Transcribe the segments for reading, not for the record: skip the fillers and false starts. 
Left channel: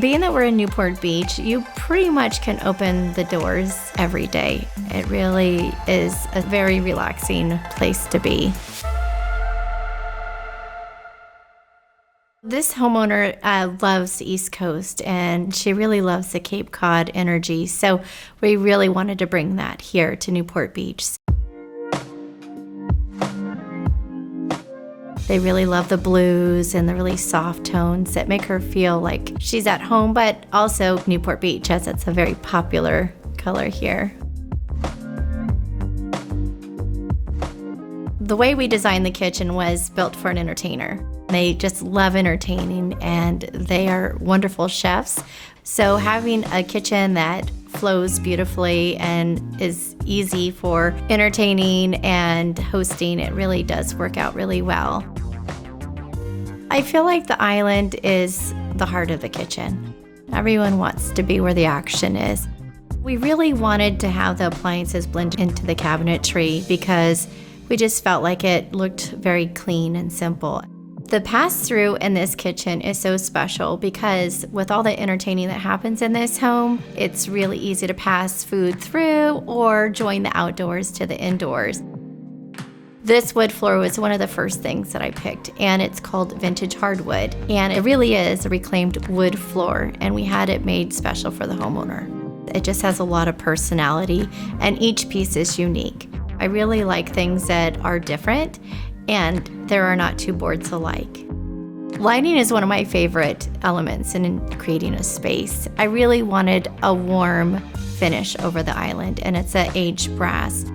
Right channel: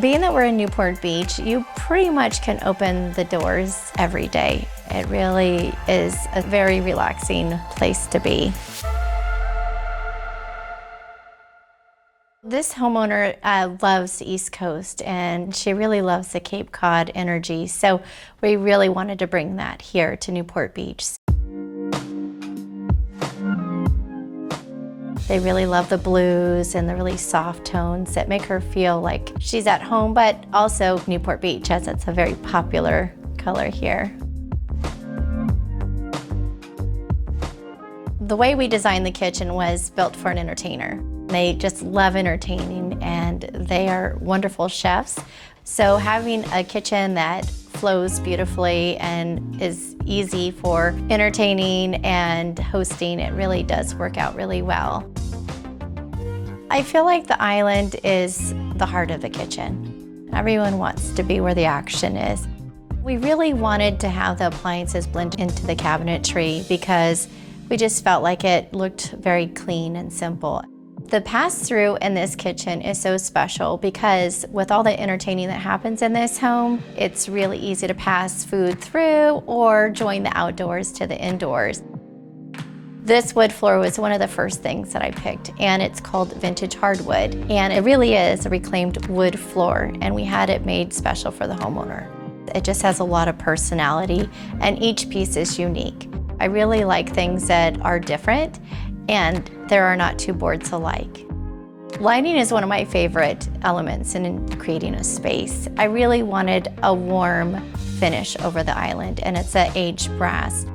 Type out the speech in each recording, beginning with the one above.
Being that we're in Newport Beach, you pretty much can open the doors every day. It really is a very relaxing place to be. This homeowner loves the East Coast, and she really loves the Cape Cod energy, so we really wanted to bring that here to Newport Beach. They really love the blues and the really soft tones that make her feel like she's at home, but also Newport Beach, as it's a very popular color here. The way we designed the kitchen was built for an entertainer. They just love entertaining, and they are wonderful chefs. So having a kitchen that flows beautifully and is easy for entertaining and hosting, it really does work out really well. I feel like the island is the heart of the kitchen. Everyone wants to be where the action is. We really wanted to have the appliances blend into the cabinetry because we just felt like it looked very clean and simple. The pass-through in this kitchen is so special because with all the entertaining that happens in this home, it's really easy to pass food through or join the outdoors to the indoors. This wood floor was one of the first things that I picked, and it's called Vintage Hardwood, and it really is a reclaimed wood floor, and we had it made special for the homeowner. It just has a lot of personality, and each piece is unique. I really like things that are different, and there are not two boards alike. Lighting is one of my favorite elements in creating a space. I really wanted a warm finish over the island, and it's an aged brass.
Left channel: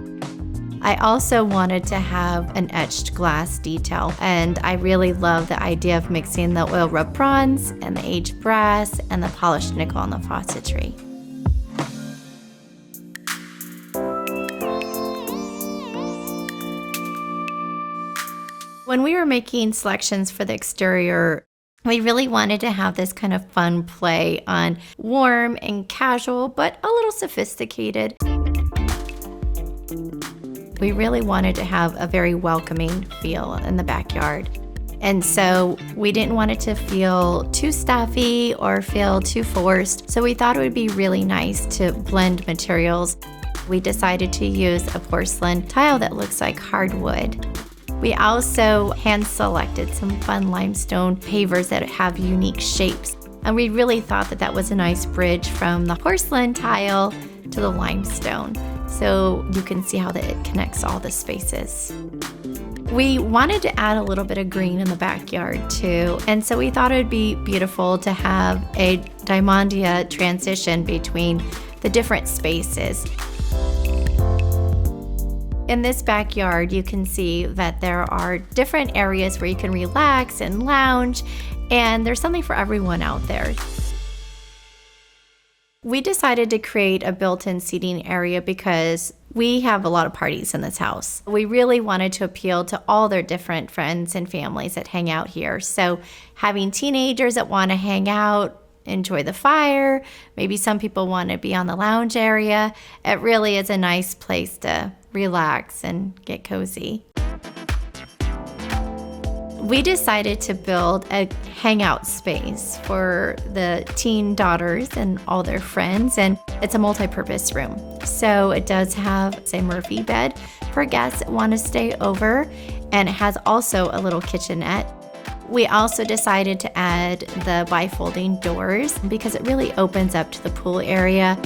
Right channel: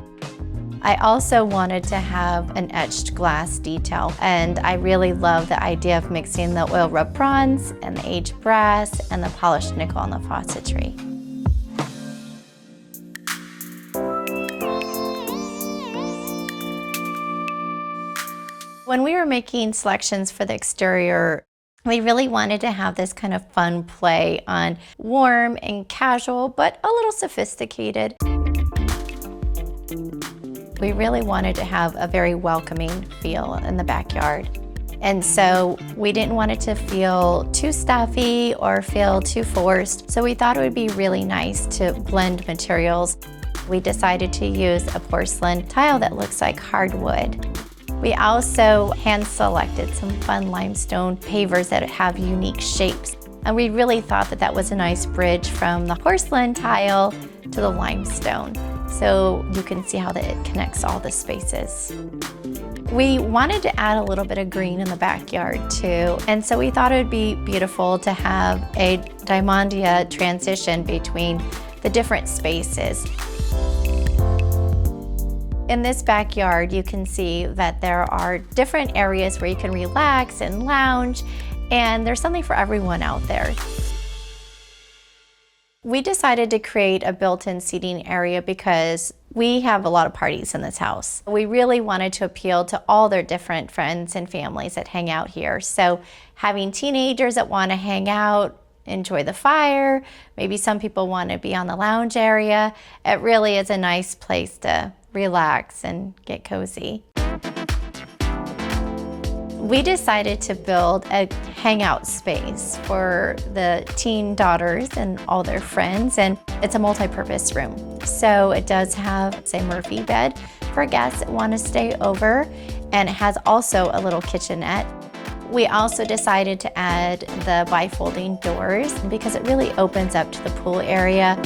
I also wanted to have an etched glass detail, and I really love the idea of mixing the oil rub bronze and the aged brass and the polished nickel on the faucetry. When we were making selections for the exterior, we really wanted to have this kind of fun play on warm and casual, but a little sophisticated. We really wanted to have a very welcoming feel in the backyard. And so we didn't want it to feel too stuffy or feel too forced. So we thought it would be really nice to blend materials. We decided to use a porcelain tile that looks like hardwood. We also hand-selected some fun limestone pavers that have unique shapes. And we really thought that that was a nice bridge from the porcelain tile to the limestone. So you can see how that it connects all the spaces. We wanted to add a little bit of green in the backyard too. And so we thought it would be beautiful to have a diamondia transition between the different spaces. In this backyard, you can see that there are different areas where you can relax and lounge, and there's something for everyone out there. We decided to create a built-in seating area because we have a lot of parties in this house. We really wanted to appeal to all their different friends and families that hang out here. So having teenagers that want to hang out, enjoy the fire, maybe some people want to be on the lounge area, it really is a nice place to relax and get cozy. We decided to build a hangout space for the teen daughters and all their friends, and it's a multi-purpose room. So it does have a Murphy bed for guests that want to stay over, and it has also a little kitchenette. We also decided to add the bifolding doors because it really opens up to the pool area.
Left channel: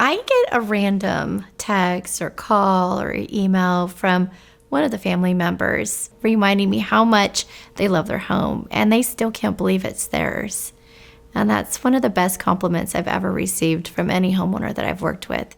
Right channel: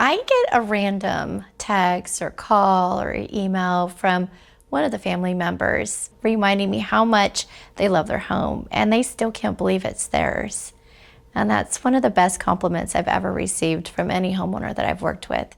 I get a random text or call or email from one of the family members reminding me how much they love their home and they still can't believe it's theirs. And that's one of the best compliments I've ever received from any homeowner that I've worked with.